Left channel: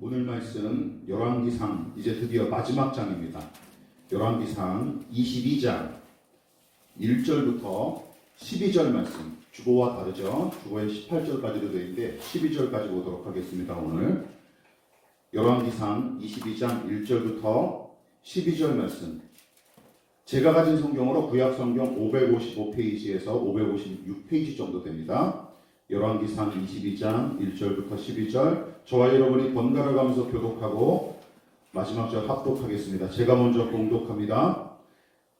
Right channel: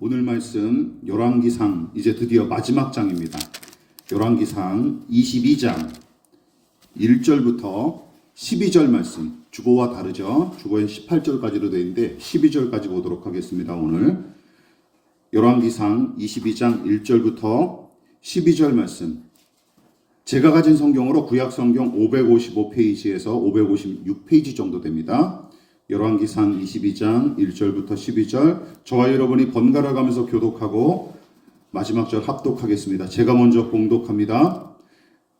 오늘 말씀 열왕기상 이제 드디어 마지막 장입니다. 열왕기상 22장 1절부터 12절 말씀, 주보와 다르죠. 주보엔 18절까지로 되어 있는데 12절까지 보도록 하겠습니다. 오늘 열왕기상 22장 1절부터 12절 말씀, 제가 가진 성경으로 구약성경 555페이지에서 556페이지 정도 됩니다. 열왕기상 22장 1절부터 12절, 저와 여러분이 번갈아 가면서 교독하고 마지막 절 합독하겠습니다. 제가 먼저 공독합니다.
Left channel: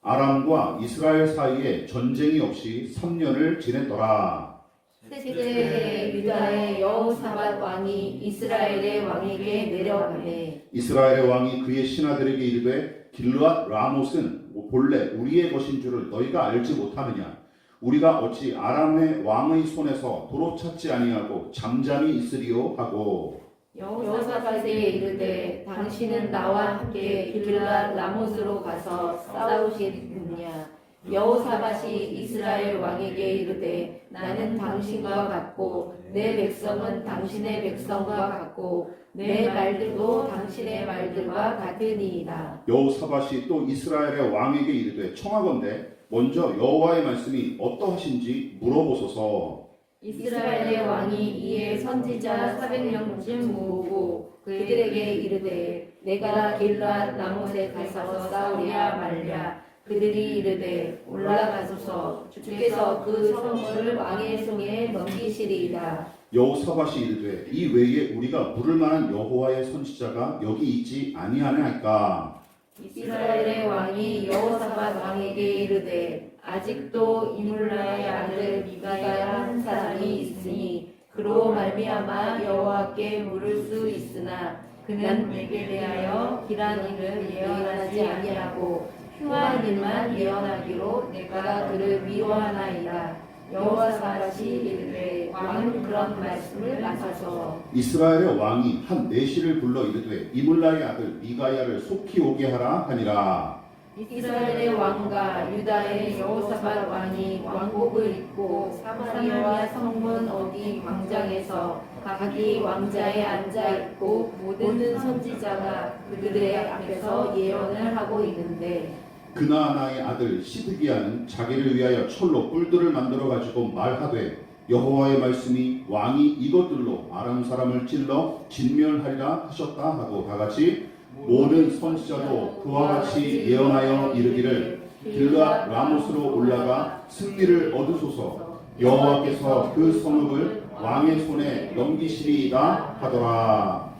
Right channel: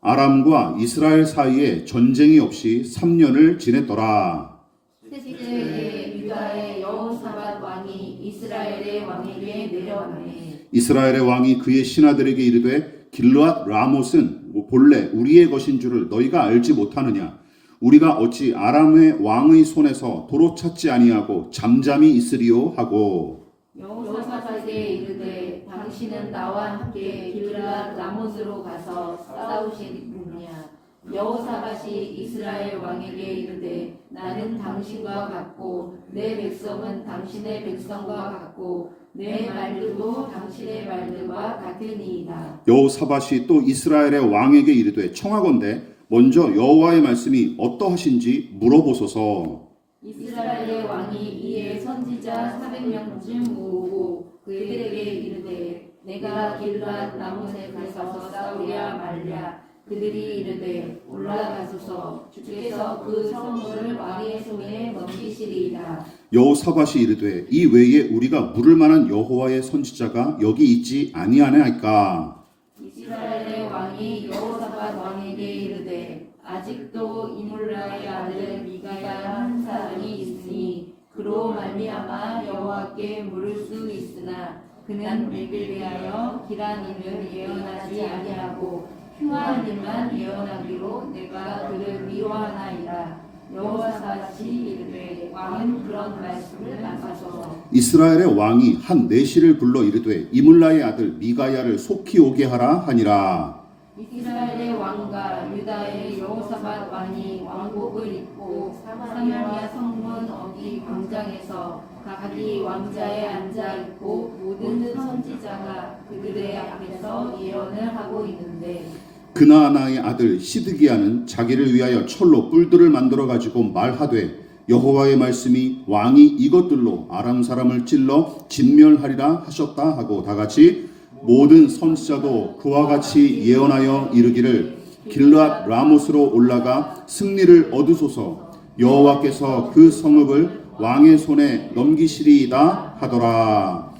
아람과 이스라엘 사이에 전쟁이 없이 3년을 지냈더라. 그때 유다의 여호사밧 왕이 이스라엘의 왕에게 내려가매 이스라엘의 왕이 그의 신하들에게 이르되 길르앗 라못은 본래 우리의 것인 줄을 너희가 알지 못하느냐? 우리가 어찌 아람의 왕의 손에서 도로 찾지 아니하고 잠잠히 있으리요 하고, 여호사밧에 이르되 당신은 나와 함께 길르앗 라못으로 가서 싸우시느냐? 여호사밧이 이스라엘 왕에게 이르되 나는 당신과 같고 내 백성은 당신의 백성과 같고 내 말들도 당신의 말들과 같으니이다. 여호사밧이 또 이스라엘의 왕에게 이르되 청하건대 먼저 여호와의 말씀이 어떠하신지 물어보소서. 이스라엘의 왕이 이에 선지자 400명쯤 모으고 그들에게 이르되 내가 길르앗 라못에 가서 싸우랴 말랴. 그들이 이르되 올라가소서. 주께서 그 성문을 왕의 손에 넘기시리이다. 여호사밧이 이르되 이 외에 우리가 물을 만한 여호와의 선지자가 여기 있지 아니하나이까. 이스라엘의 왕이 여호사밧 왕에게 이르되 아직도 이물라의 아들 미가야 한 사람이 있으니 그로 말미암아 여호와께 물을 수 있으나 그는 내게 대하여 길한 일을 예언하지 아니하고 흉한 일만 예언하기로 내가 그를 위로하나이다. 여호사밧이 이르되 왕은 그런 말씀을 하소서. 이스라엘의 왕이 한 내시를 불러 이르되 이물라의 아들 미가야를 속히 오게 하라 하니라. 이스라엘의 왕과 유다의 여호사밧 왕이 왕복을 입고 사마리아 성문 어디 광장에서 각기 왕자에 앉아 있고 모든 선지자가 그들의 앞에서 예언을 하고 있는데, 그나아나의 아들 시드기야는 자기를 위하여 철로 뿔들을 만들어 가지고 말하되 여호와의 말씀이 왕이 이것들로 아람 사람을 찔러 진멸하리라 하셨다 하고 다같이 모든 선지자도 그와 같이 예언하여 이르기를 길르앗 라못으로 올라가 승리를 얻으소서. 여호와께서 그 성읍을 왕의 손에 넘기시리이다 하더라.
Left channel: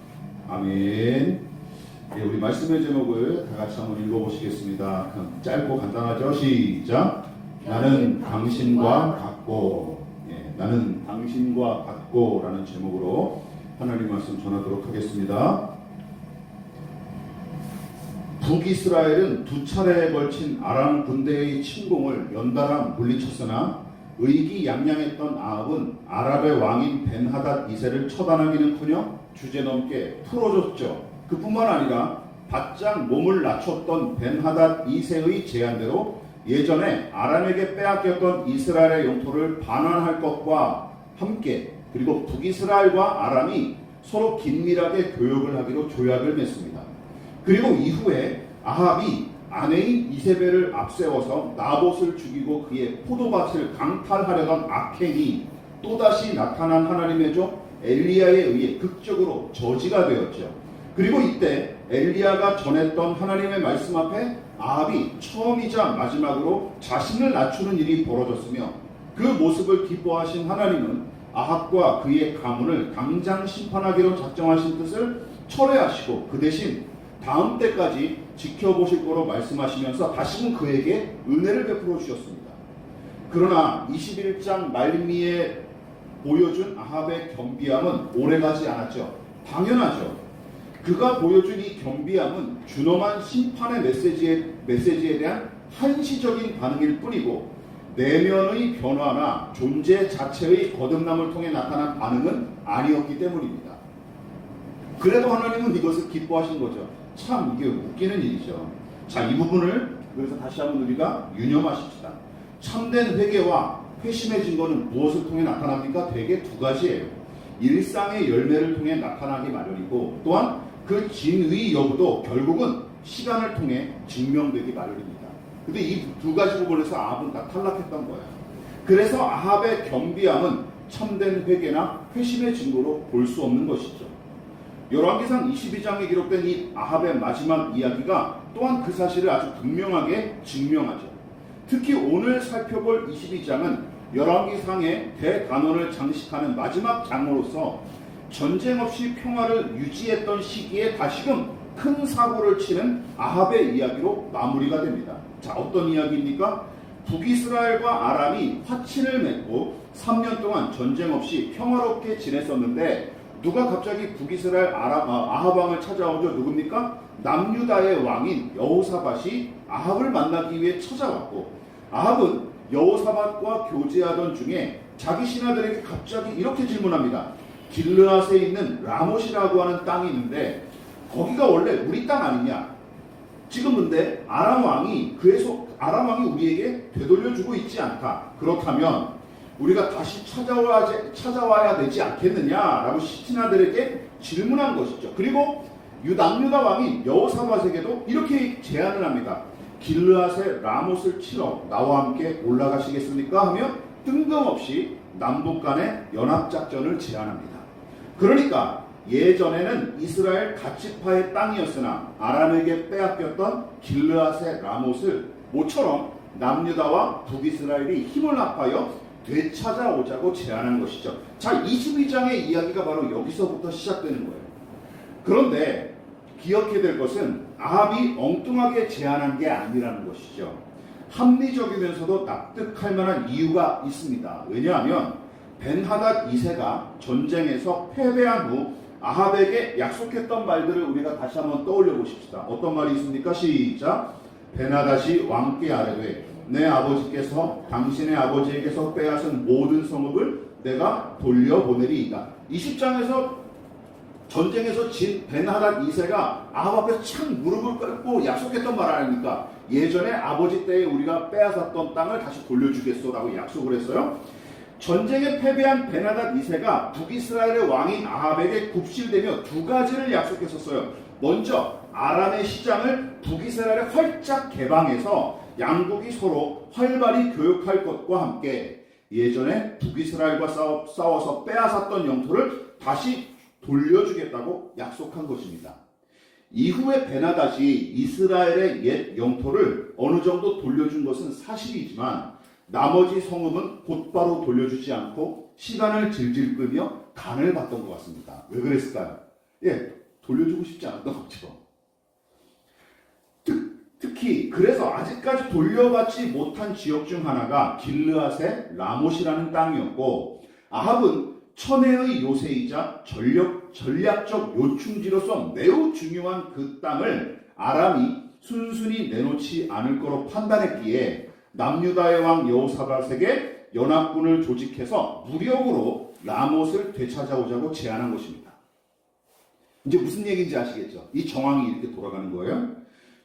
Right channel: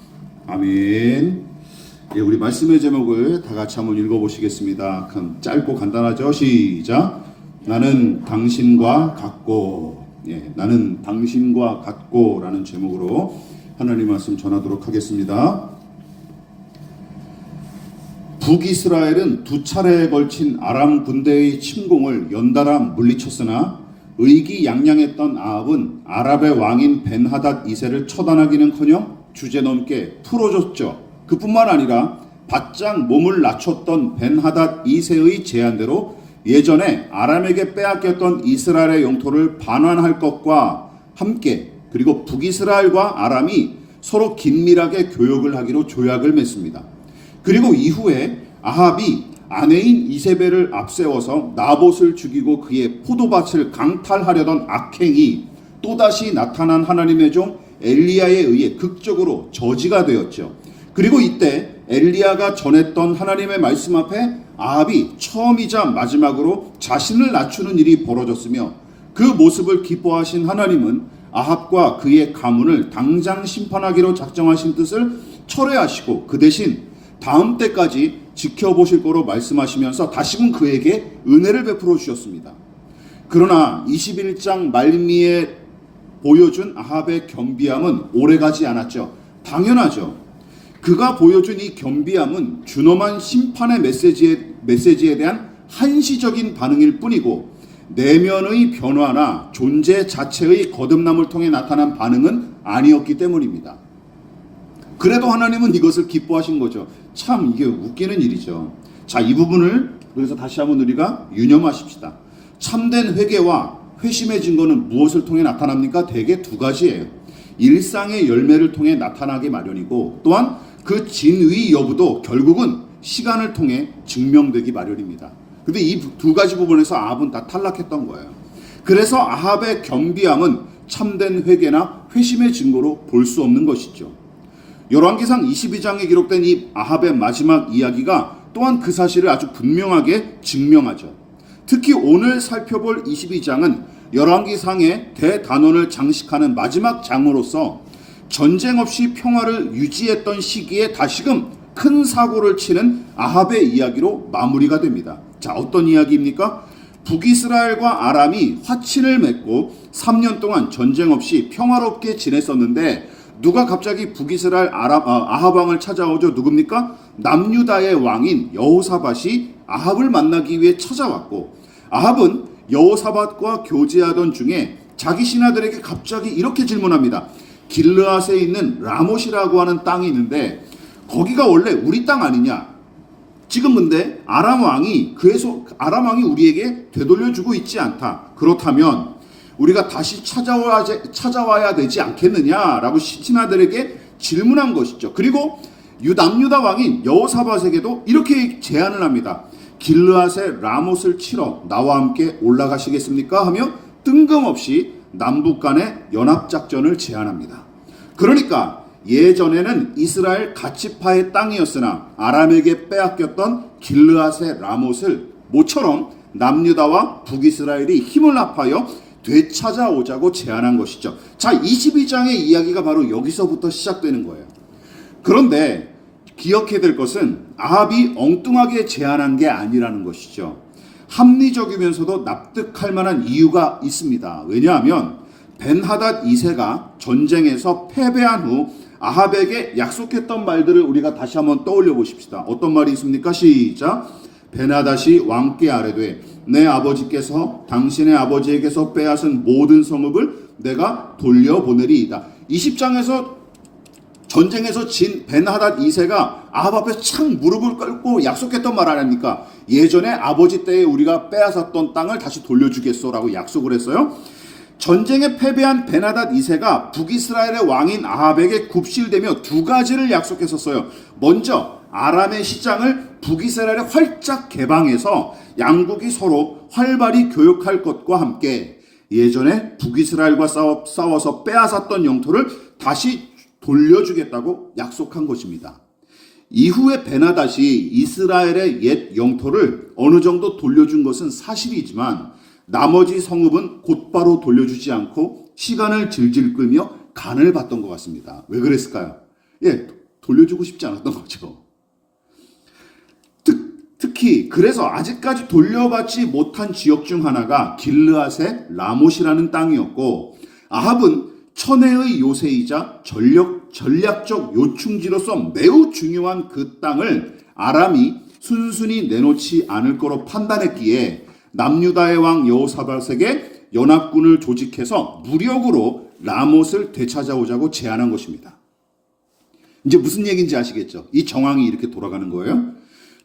아멘. 예, 우리 말씀의 제목을 다 같이 한번 읽어보시겠습니다. 짧고 간단하죠? 시작. 나는 당신과 같고, 예, 나는 당신과 같고 라는 제목으로 하나님 말씀 전하도록 하겠습니다. 북이스라엘은 두 차례에 걸친 아람 군대의 침공을 연달아 물리쳤으나 의기양양했던 아합은 아랍의 왕인 벤하닷 2세를 처단하기는커녕 주제넘게 풀어줬죠. 그뿐만 아니라 바짝 몸을 낮췄던 벤하닷 2세의 제안대로 예전에 아람에게 빼앗겼던 이스라엘의 영토를 반환할 것과 함께 그리고 북이스라엘과 아람이 서로 긴밀하게 교역을 하기로 조약을 맺습니다. 그리고 이후에 아합이 아내인 이세벨을 앞세워서 나봇을 죽이고 그의 포도밭을 강탈하려던 악행이 또다시 나타난 하나님의 종 엘리야에 의해 극적으로 저지가 되었죠. 그리고 이때 엘리야가 전했던 하나님의 말씀 앞에 아합이 처음이자 마지막으로 자신을 낮추는 일이 벌어졌으며 그 모습을 기뻐하신 하나님은 아합과 그의 가문을 당장 심판하기로 작정하신 뜻을 철회하시고 그 대신 다음 때까지 지켜보실 거로 말씀하시면서 다시금 그에게 은혜를 베풀어 주셨습니다. 그러나 21장 말미에 보여준 아합의 겸비함은 오래가지 않았죠. 당연하죠. 그가 보여준 이 겸비함은 준엄한 심판의 메시지에 대한 한시적인 반응일 뿐이고 내면의 변화나 존재 자체의 거듭남을 통해 나타난 반응은 아니었기 때문입니다. 그래도 하나님은 이것을 기뻐하신 거죠. 참 이게 웃기는 일이죠. 자, 이 부분을 그래서 다시 한번 우리가 유념하십시다. 참된 회개와 회심의 증거는 무엇을 통해 나타납니까? 대개 두 가지예요. 일상의 열매를 통해 나타나기 마련이고, 또한 그 진위 여부도 결국은 시간을 통해 증명되기 마련입니다. 근데 이 두 가지 부분에서 아합은 다 탈락했던 거예요. 그래서 아합의 겸비함은 참된 회개나 회심의 증거로 볼 수 없는 것이죠. 열왕기상 22장에 기록된 이 아합의 마지막 이야기가 또한 그 사실을 아주 분명하게 증명하죠. 특히 오늘 살펴볼 22장은 열왕기상의 대단원을 장식하는 마지막 장으로서 전쟁 없이 평화를 유지했던 시기에 다시금 큰 사고를 치는 아합의 이야기로 마무리가 됩니다. 자, 어떤 이야기입니까? 북이스라엘과 아람이 화친을 맺고 3년 동안 전쟁 없이 평화롭게 지냈었는데, 누가 갑자기 북이스라엘 아합 왕을 찾아오죠? 누굽니까? 남유다의 왕인 여호사밧이 아합을 만나기 위해 찾아왔고, 아합은 여호사밧과 교제하던 중에 자기 신하들에게 갑자기 이렇게 질문합니다. 길르앗에 있는 라못이라고 하는 땅이 있는데 거기가 원래 우리 땅 아니냐? 지금 근데 아람 왕이 우리에게 되돌려주고 있지 않다. 그렇다면 우리가 다시 찾아와야 되지 않겠느냐라고 신하들에게 질문한 것이죠. 그리고 남유다 왕인 여호사밧에게도 이렇게 제안을 합니다. 길르앗의 라못을 치러 나와 함께 올라가시겠습니까? 하며 뜬금없이 남북 간의 연합작전을 제안합니다. 그러니까 예전에는 이스라엘 가치파의 땅이었으나 아람에게 빼앗겼던 길르앗의 라못을 모처럼 남유다와 북이스라엘이 힘을 합하여 되찾아오자고 제안한 것이죠. 자, 22장의 이야기가 바로 여기서부터 시작되는 거예요. 그런데 기억해야 될 것은 아합이 엉뚱하게 제안한 게 아니라는 것이죠. 합리적이면서도 납득할 만한 이유가 있습니다. 왜냐하면 벤하닷 2세가 전쟁에서 패배한 후 아합에게 약속했던 말들을 우리가 다시 한번 떠올려 보십시다. 어떤 말이 있습니까? 시작. 벤하닷이 왕께 아뢰되 내 아버지께서 당신의 아버지에게서 빼앗은 모든 성읍을 내가 돌려보내리이다. 20장에서 전쟁에서 진 벤하닷 2세가 아합 앞에 착 무릎을 꿇고 약속했던 말 아닙니까? 예전에 아버지 때에 우리가 빼앗았던 땅을 다시 돌려주겠소라고 약속을 했어요. 전쟁에 패배한 벤하닷 2세가 북이스라엘의 왕인 아합에게 굽실대며 두 가지를 약속했었어요. 먼저 아람의 시장을 북이스라엘에 활짝 개방해서 양국이 서로 활발히 교역할 것과 함께 예전에 북이스라엘과 싸워서 빼앗았던 영토를 다시 돌려주겠다고 약속한 것입니다. 이후에 벤하닷이 이스라엘의 옛 영토를 어느 정도 돌려준 것은 사실이지만 나머지 성읍은 곧바로 돌려주지 않고 시간을 질질 끌며 간을 봤던 것 같습니다. 왜 그랬을까요? 돌려주고 싶지 않았던 거죠. 특히 그래서 아직까지 돌려받지 못한 지역 중 하나가 길르앗의 라못이라는 땅이었고, 아합은 천혜의 요새이자 전략적 요충지로서 매우 중요한 그 땅을 아람이 순순히 내놓지 않을 거로 판단했기에 남유다의 왕 여호사밧에게 연합군을 조직해서 무력으로 라못을 되찾아오자고 제안한 것입니다. 이제 무슨 얘기인지 아시겠죠? 이 정황이 이렇게 돌아가는 거예요.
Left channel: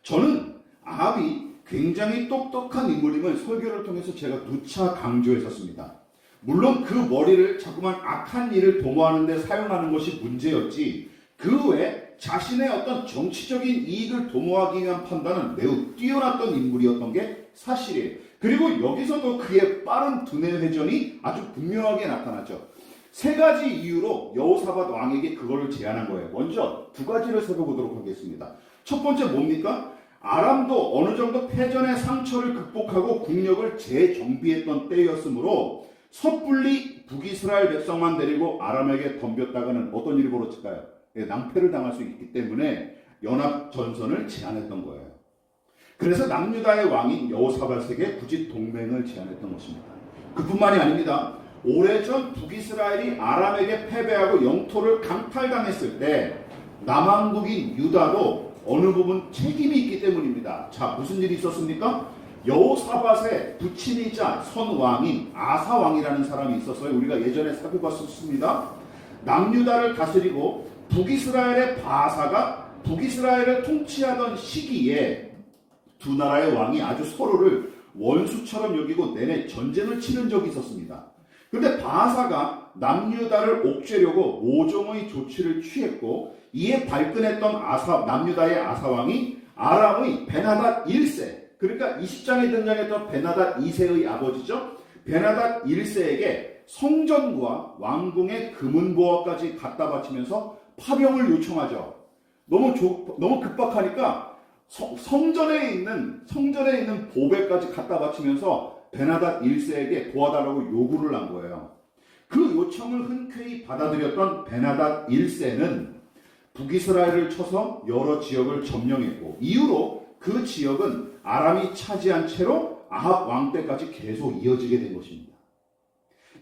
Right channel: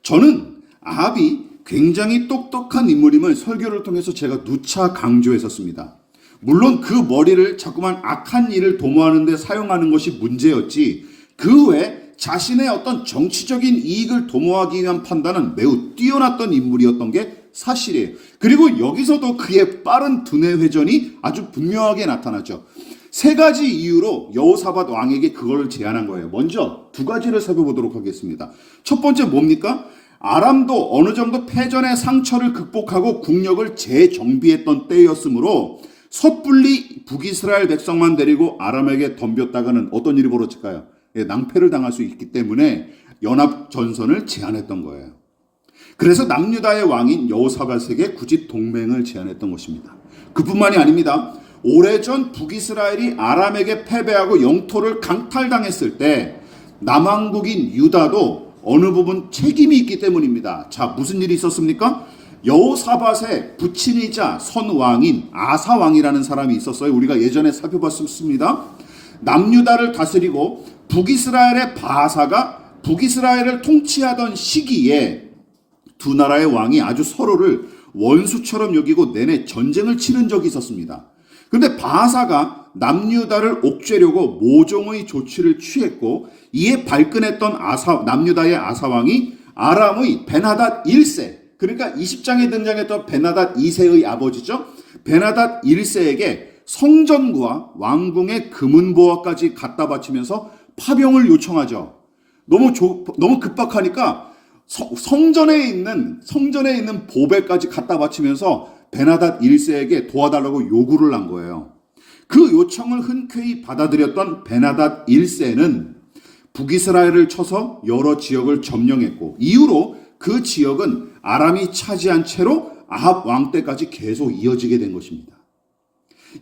저는 아합이 굉장히 똑똑한 인물임을 설교를 통해서 제가 누차 강조했었습니다. 물론 그 머리를 자꾸만 악한 일을 도모하는 데 사용하는 것이 문제였지, 그 외에 자신의 어떤 정치적인 이익을 도모하기 위한 판단은 매우 뛰어났던 인물이었던 게 사실이에요. 그리고 여기서도 그의 빠른 두뇌 회전이 아주 분명하게 나타나죠. 세 가지 이유로 여호사밧 왕에게 그걸 제안한 거예요. 먼저 두 가지를 살펴보도록 하겠습니다. 첫 번째 뭡니까? 아람도 어느 정도 패전의 상처를 극복하고 국력을 재정비했던 때였으므로 섣불리 북이스라엘 백성만 데리고 아람에게 덤볐다가는 어떤 일이 벌어질까요? 낭패를 당할 수 있기 때문에 연합전선을 제안했던 거예요. 그래서 남유다의 왕인 여호사밧에게 굳이 동맹을 제안했던 것입니다. 그뿐만이 아닙니다. 오래전 북이스라엘이 아람에게 패배하고 영토를 강탈당했을 때 남왕국인 유다도 어느 부분 책임이 있기 때문입니다. 자, 무슨 일이 있었습니까? 여호사밧의 부친이자 선왕인 아사왕이라는 사람이 있었어요. 우리가 예전에 살펴봤었습니다. 남유다를 다스리고 북이스라엘의 바사가 북이스라엘을 통치하던 시기에 두 나라의 왕이 아주 서로를 원수처럼 여기고 내내 전쟁을 치른 적이 있었습니다. 그런데 바사가 남유다를 옥죄려고 모종의 조치를 취했고 이에 발끈했던 남유다의 아사왕이 아람의 베나닷 1세, 그러니까 20장에 등장했던 베나닷 2세의 아버지죠. 베나닷 1세에게 성전과 왕궁의 금은보화까지 갖다 바치면서 파병을 요청하죠. 너무 급박하니까 성전에 있는 보배까지 갖다 바치면서 베나닷 1세에게 도와달라고 요구를 한 거예요. 그 요청을 흔쾌히 받아들였던 베나닷 1세는 북이스라엘을 쳐서 여러 지역을 점령했고 이후로 그 지역은 아람이 차지한 채로 아합 왕 때까지 계속 이어지게 된 것입니다.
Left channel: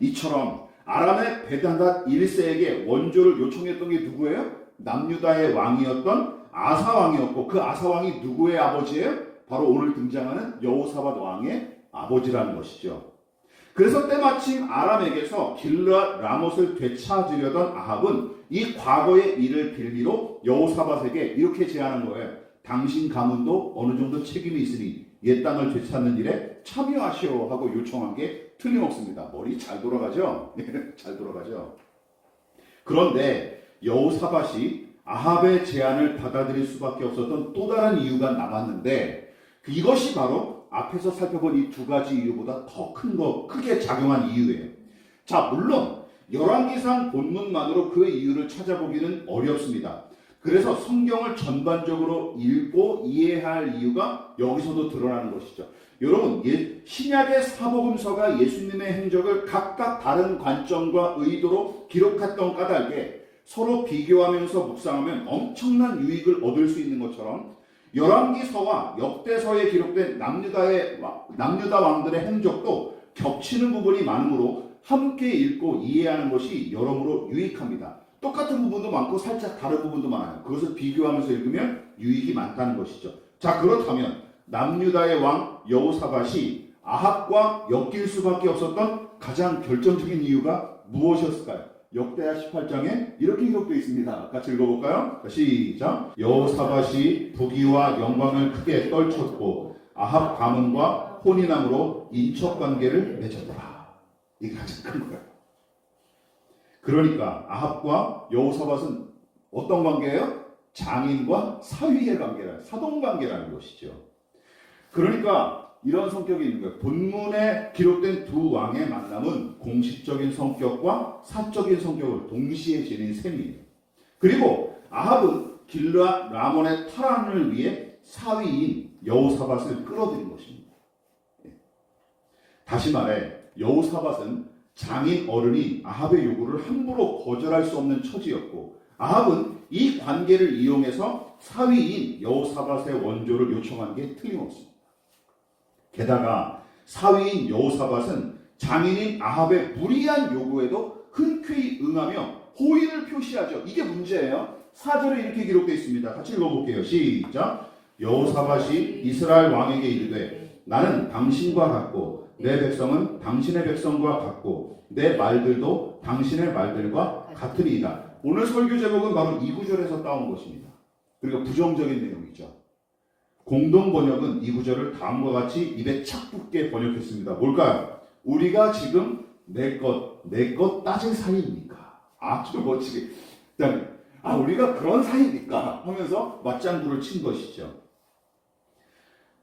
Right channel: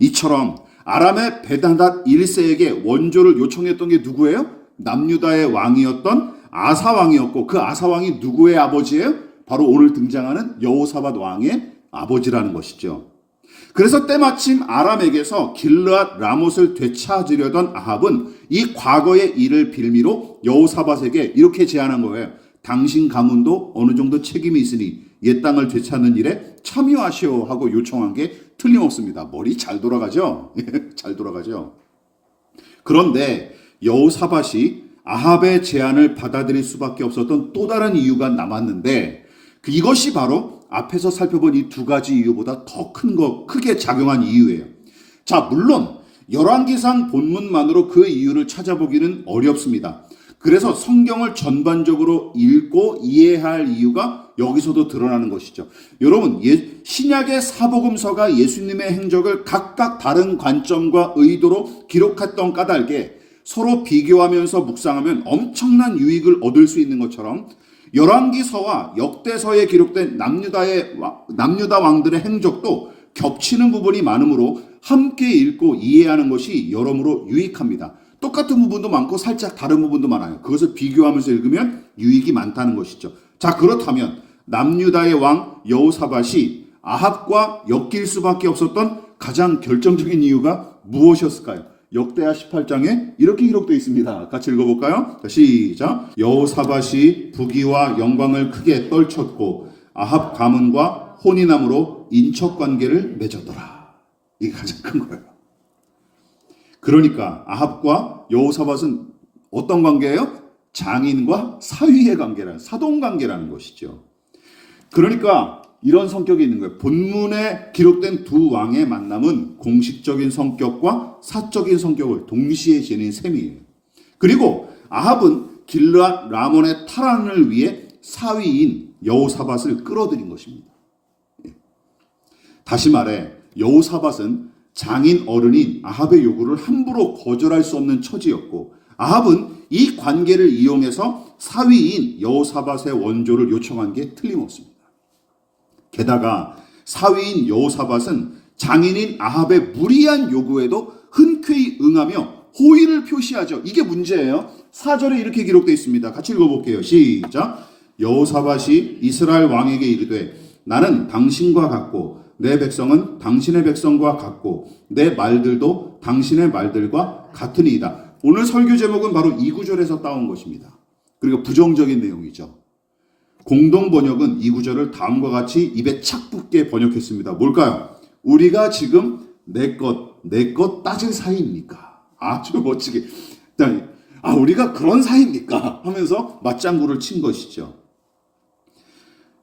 이처럼 아람의 베나닷 1세에게 원조를 요청했던 게 누구예요? 남유다의 왕이었던 아사 왕이었고 그 아사 왕이 누구의 아버지예요? 바로 오늘 등장하는 여호사밧 왕의 아버지라는 것이죠. 그래서 때마침 아람에게서 길르앗 라못을 되찾으려던 아합은 이 과거의 일을 빌미로 여호사밧에게 이렇게 제안한 거예요. 당신 가문도 어느 정도 책임이 있으니 옛 땅을 되찾는 일에 참여하시오 하고 요청한 게 틀림없습니다. 머리 잘 돌아가죠? 잘 돌아가죠. 그런데 여호사밧이 아합의 제안을 받아들일 수밖에 없었던 또 다른 이유가 남았는데 이것이 바로 앞에서 살펴본 이 두 가지 이유보다 더 크게 작용한 이유예요. 자, 물론 열왕기상 본문만으로 그 이유를 찾아보기는 어렵습니다. 그래서 성경을 전반적으로 읽고 이해할 이유가 여기서도 드러나는 것이죠. 여러분, 신약의 사복음서가 예수님의 행적을 각각 다른 관점과 의도로 기록했던 까닭에 서로 비교하면서 묵상하면 엄청난 유익을 얻을 수 있는 것처럼 열왕기서와 역대서에 기록된 남유다 왕들의 행적도 겹치는 부분이 많으므로 함께 읽고 이해하는 것이 여러모로 유익합니다. 똑같은 부분도 많고 살짝 다른 부분도 많아요. 그것을 비교하면서 읽으면 유익이 많다는 것이죠. 자, 그렇다면 남유다의 왕 여호사밧이 아합과 엮일 수밖에 없었던 가장 결정적인 이유가 무엇이었을까요? 역대하 18장에 이렇게 기록되어 있습니다. 같이 읽어볼까요? 시작. 여호사밧이 부귀와 영광을 크게 떨쳤고 아합 가문과 혼인함으로 인척관계를 맺었더라. 이게 가장 큰 거예요. 그러니까 아합과 여호사밧은 어떤 관계예요? 장인과 사위의 관계라는, 사돈관계라는 것이죠. 그러니까 이런 성격이 있는 거예요. 본문에 기록된 두 왕의 만남은 공식적인 성격과 사적인 성격을 동시에 지닌 셈이에요. 그리고 아합은 길르앗 라몬의 탈환을 위해 사위인 여호사밧을 끌어들인 것입니다. 다시 말해 여호사밧은 장인 어른인 아합의 요구를 함부로 거절할 수 없는 처지였고 아합은 이 관계를 이용해서 사위인 여호사밧의 원조를 요청한 게 틀림없습니다. 게다가 사위인 여호사밧은 장인인 아합의 무리한 요구에도 흔쾌히 응하며 호의를 표시하죠. 이게 문제예요. 4절에 이렇게 기록되어 있습니다. 같이 읽어볼게요. 시작. 여호사밧이 이스라엘 왕에게 이르되 나는 당신과 같고 내 백성은 당신의 백성과 같고 내 말들도 당신의 말들과 같으니이다. 오늘 설교 제목은 바로 이 구절에서 따온 것입니다. 그리고 부정적인 내용이죠. 공동 번역은 이 구절을 다음과 같이 입에 착 붙게 번역했습니다. 뭘까요? 우리가 지금 내 것 따질 사이입니까? 아주 멋지게. 우리가 그런 사이입니까? 하면서 맞장구를 친 것이죠.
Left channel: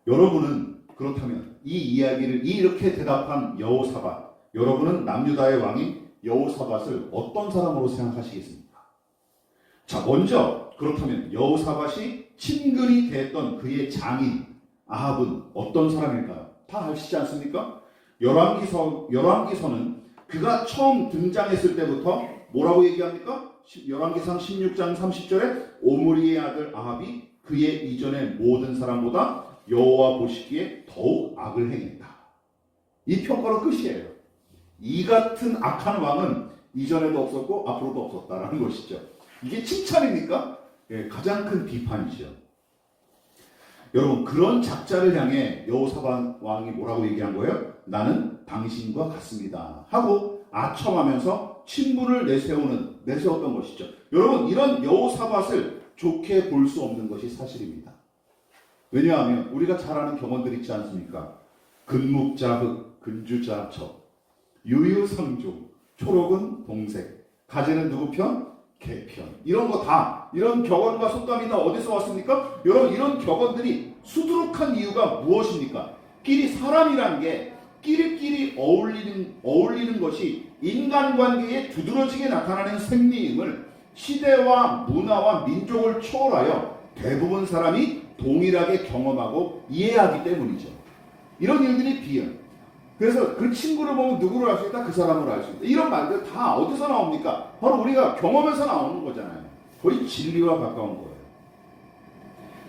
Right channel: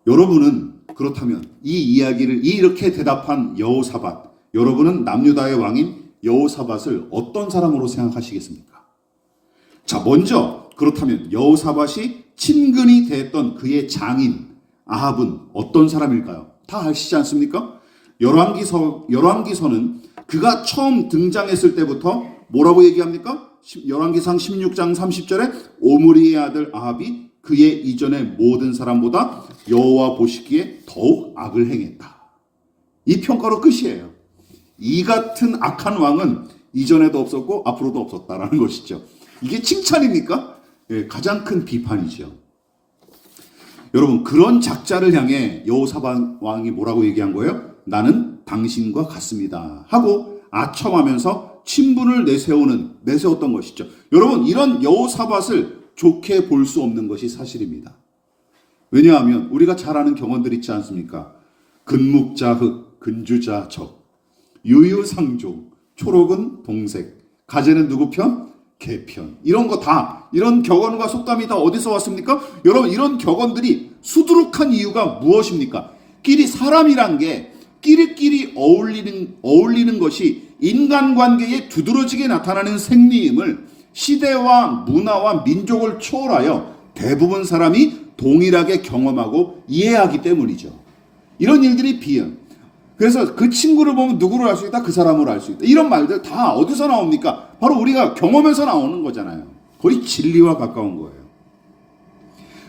여러분은 그렇다면 이 이야기를 이렇게 대답한 여호사밧, 여러분은 남유다의 왕인 여호사밧을 어떤 사람으로 생각하시겠습니까? 자, 먼저 그렇다면 여호사밧이 친근히 대했던 그의 장인 아합은 어떤 사람일까요? 다 아시지 않습니까? 열왕기서는 그가 처음 등장했을 때부터 뭐라고 얘기합니까? 열왕기상 16장 30절에 오므리의 아들 아합이 그의 이전의 모든 사람보다 여호와 보시기에 더욱 악을 행했다. 이 평가로 끝이에요. 이 같은 악한 왕은 이전에도 없었고 앞으로도 없었다라는 것이죠. 이게 칭찬입니까? 예, 가장 큰 비판이죠. 여러분, 그런 작자를 향해 여호사밧 왕이 뭐라고 얘기한 거예요? 나는 당신과 같습니다 하고 아첨하면서 친분을 내세웠던 것이죠. 여러분, 이런 여호사밧을 좋게 볼 수 없는 것이 사실입니다. 왜냐하면 우리가 잘 아는 경언들 있지 않습니까? 근묵자흑, 근주자적, 유유상종, 초록은 동색, 가재는 누구 편? 개 편. 이런 거 다, 이런 격언과 속담이 다 어디서 왔습니까? 여러분, 이런 격언들이 수두룩한 이유가 무엇입니까? 사람이란 게 끼리끼리 어울리는 것이 인간관계에 두드러지게 나타나는 생리임을 시대와 문화와 민족을 초월하여 대부분 사람이 동일하게 경험하고 이해하기 때문이죠. 이런 일들이 그래서 그 친구를 보면 누구를 알 수 있다? 그 사람을 알 수 있다. 이런 말들 다 어디서 나옵니까? 바로 우리가 경험에서 나오는 거잖아요. 거의 진리와 가까운 거예요.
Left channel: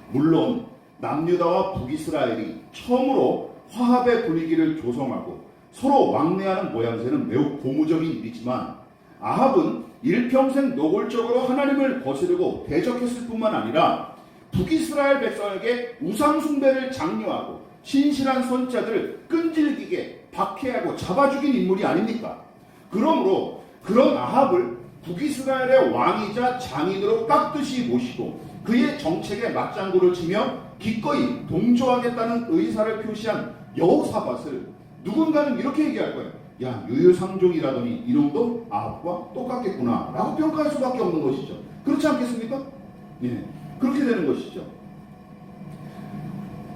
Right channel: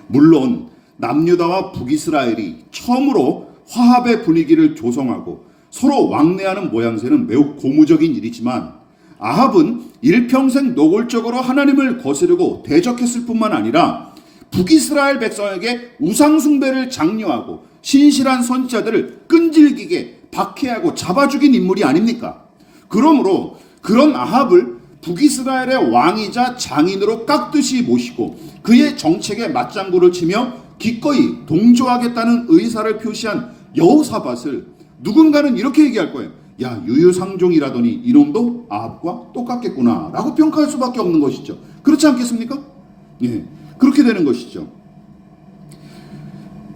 물론 남유다와 북이스라엘이 처음으로 화합의 분위기를 조성하고 서로 왕래하는 모양새는 매우 고무적인 일이지만 아합은 일평생 노골적으로 하나님을 거스르고 대적했을 뿐만 아니라 북이스라엘 백성에게 우상숭배를 장려하고 신실한 선지자들을 끈질기게 박해하고 잡아 죽인 인물이 아닙니까? 그러므로 그런 아합을 북이스라엘의 왕이자 장인으로 깍듯이 모시고 그의 정책에 맞장구를 치며 기꺼이 동조하겠다는 의사를 표시한 여호사밧을 누군가는 이렇게 얘기할 거예요. 야, 유유상종이라더니 이놈도 아합과 똑같겠구나 라고 평가할 수밖에 없는 것이죠. 그렇지 않겠습니까? 예, 그렇게 되는 것이죠.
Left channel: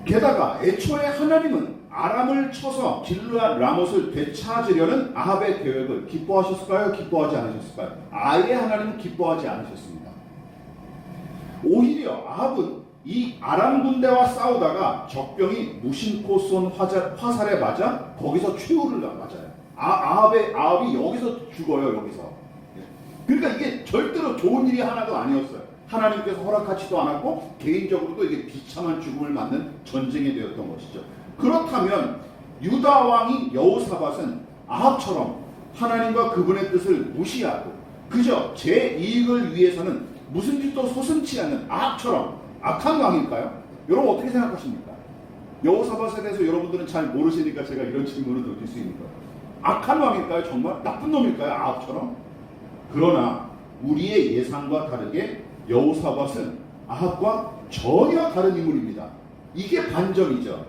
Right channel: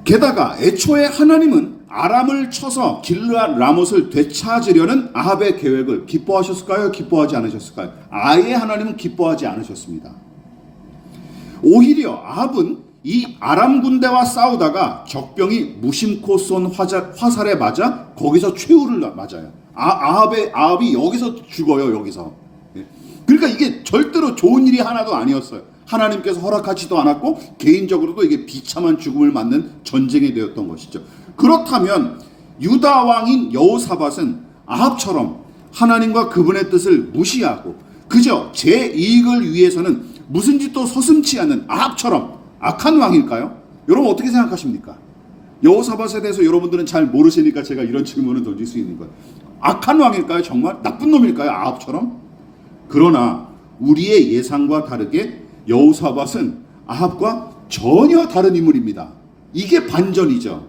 게다가 애초에 하나님은 아람을 쳐서 길르앗 라못을 되찾으려는 아합의 계획을 기뻐하셨을까요? 기뻐하지 않으셨을까요? 아예 하나님은 기뻐하지 않으셨습니다. 오히려 아합은 이 아람 군대와 싸우다가 적병이 무심코 쏜 화살에 맞아 거기서 최후를 맞아요. 아합이 여기서 죽어요. 여기서. 그러니까 이게 절대로 좋은 일이 하나도 아니었어요. 하나님께서 허락하지도 않았고 개인적으로도 이게 비참한 죽음을 맞는 전쟁이 되었던 것이죠. 그렇다면 유다 왕인 여호사밧은 아합처럼 하나님과 그분의 뜻을 무시하고 그저 제 이익을 위해서는 무슨 짓도 서슴지 않는 아합처럼 악한 왕일까요? 여러분 어떻게 생각하십니까? 여호사밧에 대해서 여러분들은 잘 모르시니까 제가 이런 질문을 던질 수 있는 거예요. 악한 왕일까요? 정말 나쁜 놈일까요? 아합처럼? 그러나 우리의 예상과 다르게 여호사밧은 아합과 전혀 다른 인물입니다. 이게 반전이죠.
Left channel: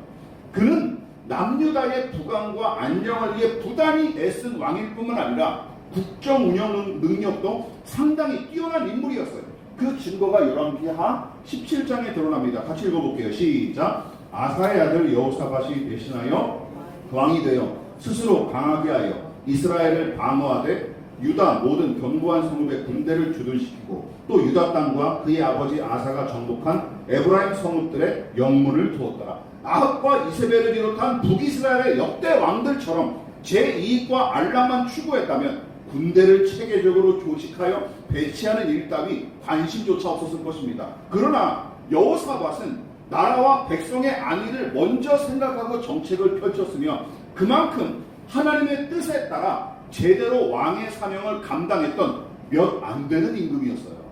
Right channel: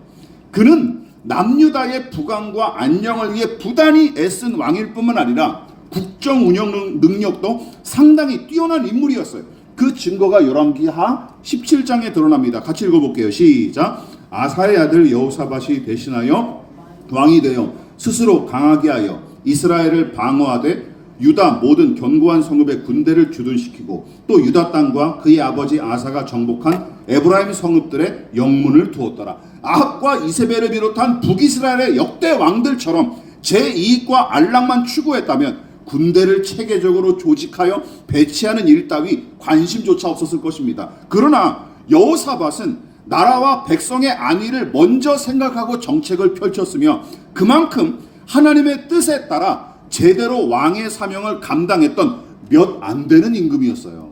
그는 남유다의 부강과 안녕을 위해 부단히 애쓴 왕일 뿐만 아니라 국정 운영 능력도 상당히 뛰어난 인물이었어요. 그 증거가 열왕기하 17장에 드러납니다. 같이 읽어볼게요. 시작. 아사의 아들 여호사밧이 대신하여 왕이 되어 스스로 강하게 하여 이스라엘을 방어하되 유다 모든 견고한 성읍에 군대를 주둔시키고 또 유다 땅과 그의 아버지 아사가 정복한 에브라임 성읍들의 영문을 두었더라. 아합과 이세벨을 비롯한 북이스라엘의 역대 왕들처럼 제 이익과 안락만 추구했다면 군대를 체계적으로 조직하여 배치하는 일 따위 관심조차 없었을 것입니다. 그러나 여호사밧은 나라와 백성의 안위를 먼저 생각하고 정책을 펼쳤으며 그만큼 하나님의 뜻에 따라 제대로 왕의 사명을 감당했던 몇 안 되는 임금이었어요.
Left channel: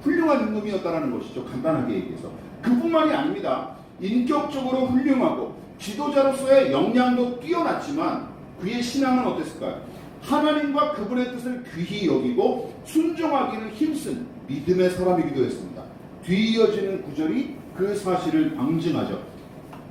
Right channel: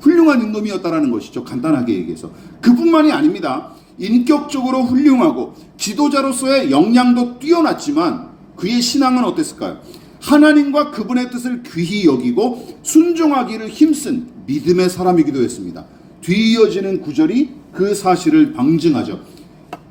훌륭한 임금이었다라는 것이죠. 간단하게 얘기해서. 그뿐만이 아닙니다. 인격적으로 훌륭하고 지도자로서의 역량도 뛰어났지만 그의 신앙은 어땠을까요? 하나님과 그분의 뜻을 귀히 여기고 순종하기를 힘쓴 믿음의 사람이기도 했습니다. 뒤이어지는 구절이 그 사실을 방증하죠.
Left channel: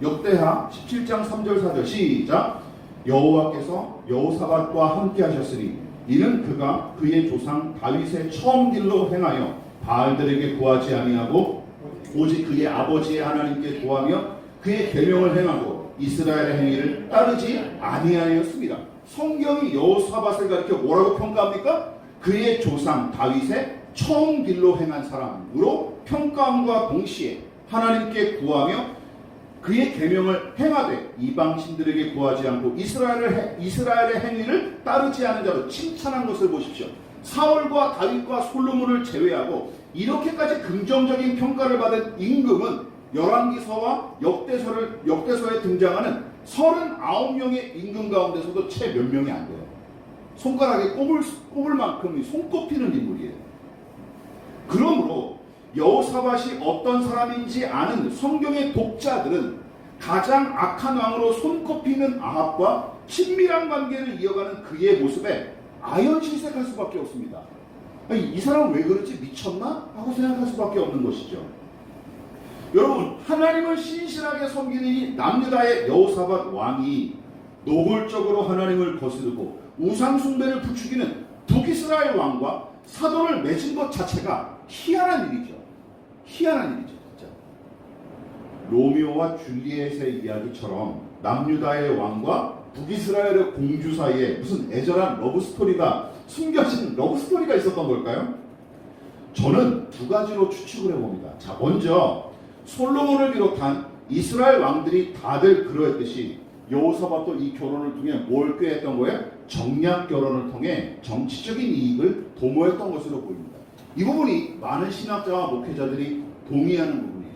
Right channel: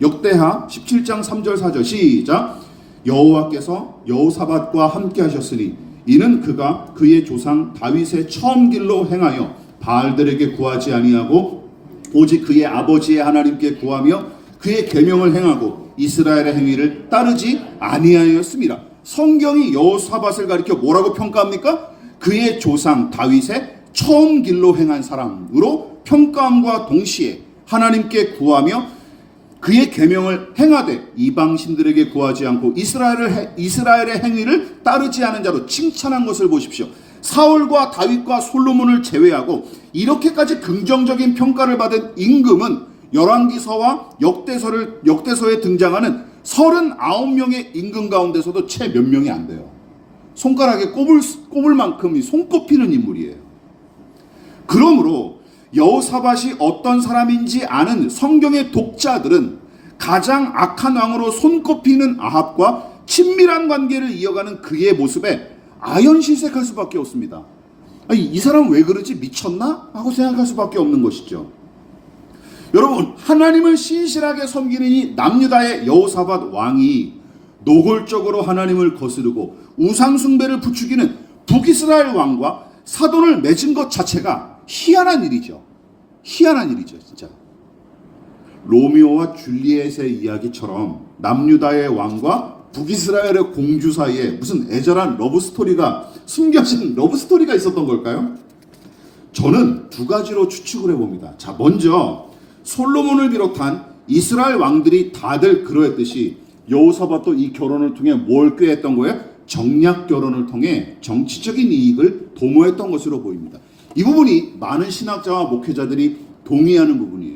역대하 17장 3절 4절 시작. 여호와께서 여호사밧과 함께 하셨으니 이는 그가 그의 조상 다윗의 처음 길로 행하여 바알들에게 구하지 아니하고 오직 그의 아버지의 하나님께 구하며 그의 계명을 행하고 이스라엘의 행위를 따르지 아니하였습니다. 성경이 여호사밧을 가리켜 뭐라고 평가합니까? 그의 조상 다윗의 처음 길로 행한 사람으로 평가함과 동시에 하나님께 구하며 그의 계명을 행하되 이방신들에게 구하지 않고 이스라엘의 행위를 따르지 않은 자로 칭찬한 것을 보십시오. 사울과 다윗과 솔로몬을 제외하고 이렇게까지 긍정적인 평가를 받은 임금은 열왕기서와 역대서에 등장하는 39명의 임금 가운데서도 채 몇 명이 안 돼요. 손가락에 꼽을 만큼 손꼽히는 인물이에요. 그러므로 여호사밧이 어떤 사람인지 아는 성경의 독자들은 가장 악한 왕으로 손꼽히는 아합과 친밀한 관계를 이어가는 그의 모습에 아연실색할 수밖에 없습니다. 아니, 이 사람은 왜 그러지? 미쳤나? 하고 생각할 수밖에 없는 것이죠. 여러분, 하나님을 신실하게 섬기는 이 남유다의 여호사밧 왕이 노골적으로 하나님을 거스르고 우상 숭배를 부추기는 북이스라엘 왕과 사돈을 맺은 것 자체가 희한한 일이죠. 희한한 일이죠, 진짜. 로미오와 줄리엣의 이야기처럼 남유다의 왕과 북이스라엘의 공주 사이에 무슨 애절한 러브스토리가, 숨겨진 러브스토리가 있었던 걸까요? 저는 두 가지로 추측을 해봅니다. 자, 먼저 솔로몬을 비롯한 이스라엘 왕들이 다들 그러했듯이 여호사밧도 이 결혼을 통해 뭘 꾀했던 거예요? 정략 결혼을 통해 정치적인 이익을 도모했던 것으로 보입니다. 이 부분이 많은 신학자와 목회자들이 동의하는 부분이에요.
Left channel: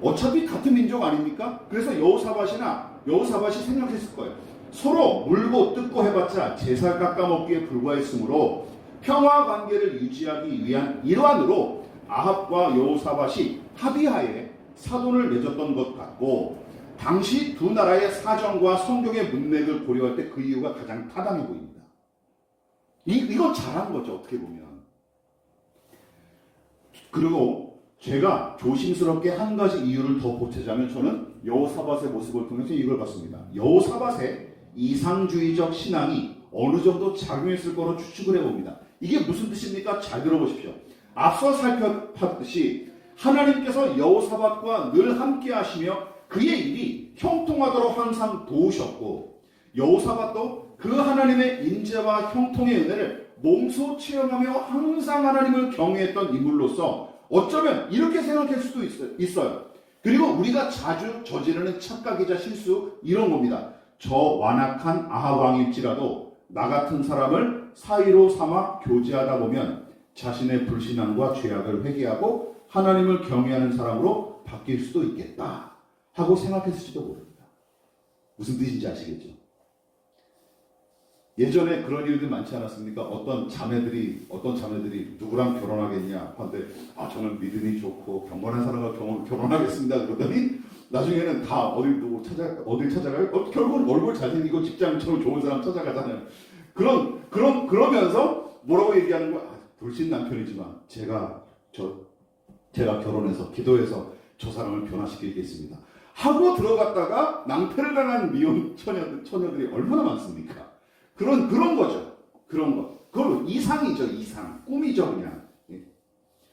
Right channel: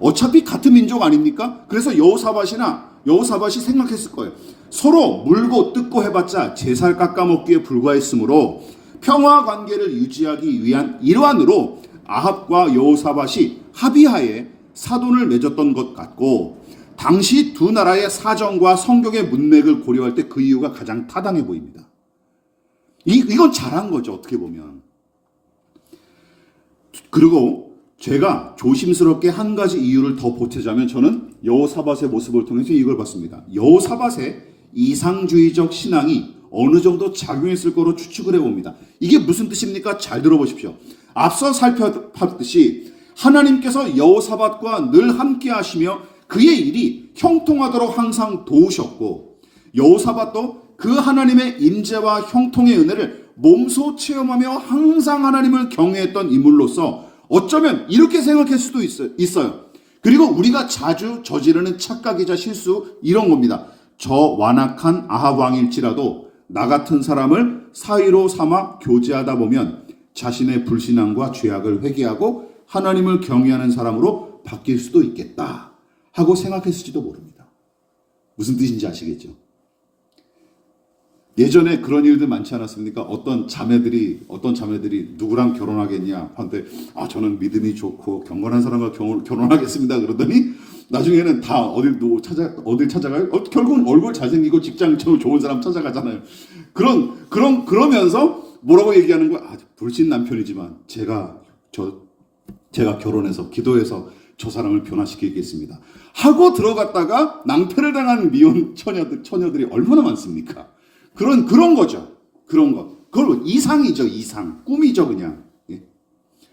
어차피 같은 민족 아닙니까? 그래서 여호사밧이 생각했을 거예요. 서로 물고 뜯고 해봤자 제 살 깎아먹기에 불과했으므로 평화 관계를 유지하기 위한 일환으로 아합과 여호사밧이 합의하에 사돈을 맺었던 것 같고, 당시 두 나라의 사정과 성경의 문맥을 고려할 때 그 이유가 가장 타당해 보입니다. 이건 잘한 거죠, 어떻게 보면. 그리고 제가 조심스럽게 한 가지 이유를 더 보태자면, 저는 여호사밧의 모습을 통해서 이걸 봤습니다. 여호사밧의 이상주의적 신앙이 어느 정도 작용했을 거로 추측을 해봅니다. 이게 무슨 뜻입니까? 잘 들어보십시오. 앞서 살펴봤듯이 하나님께서 여호사밧과 늘 함께 하시며 그의 일이 형통하도록 항상 도우셨고, 여호사밧도 그 하나님의 임재와 형통의 은혜를 몸소 체험하며 항상 하나님을 경외했던 인물로서 어쩌면 이렇게 생각할 수도 있어요. 그리고 우리가 자주 저지르는 착각이자 실수, 이런 겁니다. 저 완악한 아합 왕일지라도 나 같은 사람을 사위로 삼아 교제하다 보면 자신의 불신앙과 죄악을 회개하고 하나님을 경외하는 사람으로 바뀔 수도 있겠다 하고 생각했을지도 모릅니다. 무슨 뜻인지 아시겠죠? 예전에 그런 일들 많지 않았습니까? 어떤 자매들이 누구랑 결혼하겠냐 한데, 저는 믿음이 좋고 경건한 사람과 결혼하겠습니다 그러더니 나중에는 다 어딜 찾아가요? 결국은 얼굴 잘생기고 직장처럼 좋은 사람 찾아가잖아요. 그러면서 뭐라고 얘기하는 거야? 불신 남편이지만 제가 결혼해서 기도해서 저 사람을 변화시키겠습니다 하고 들어갔다가 낭패를 당한 미혼 처녀들이 얼마나 많습니까? 그런 거죠. 그런 거. 그걸 이상이죠, 이상. 꿈이죠, 그냥.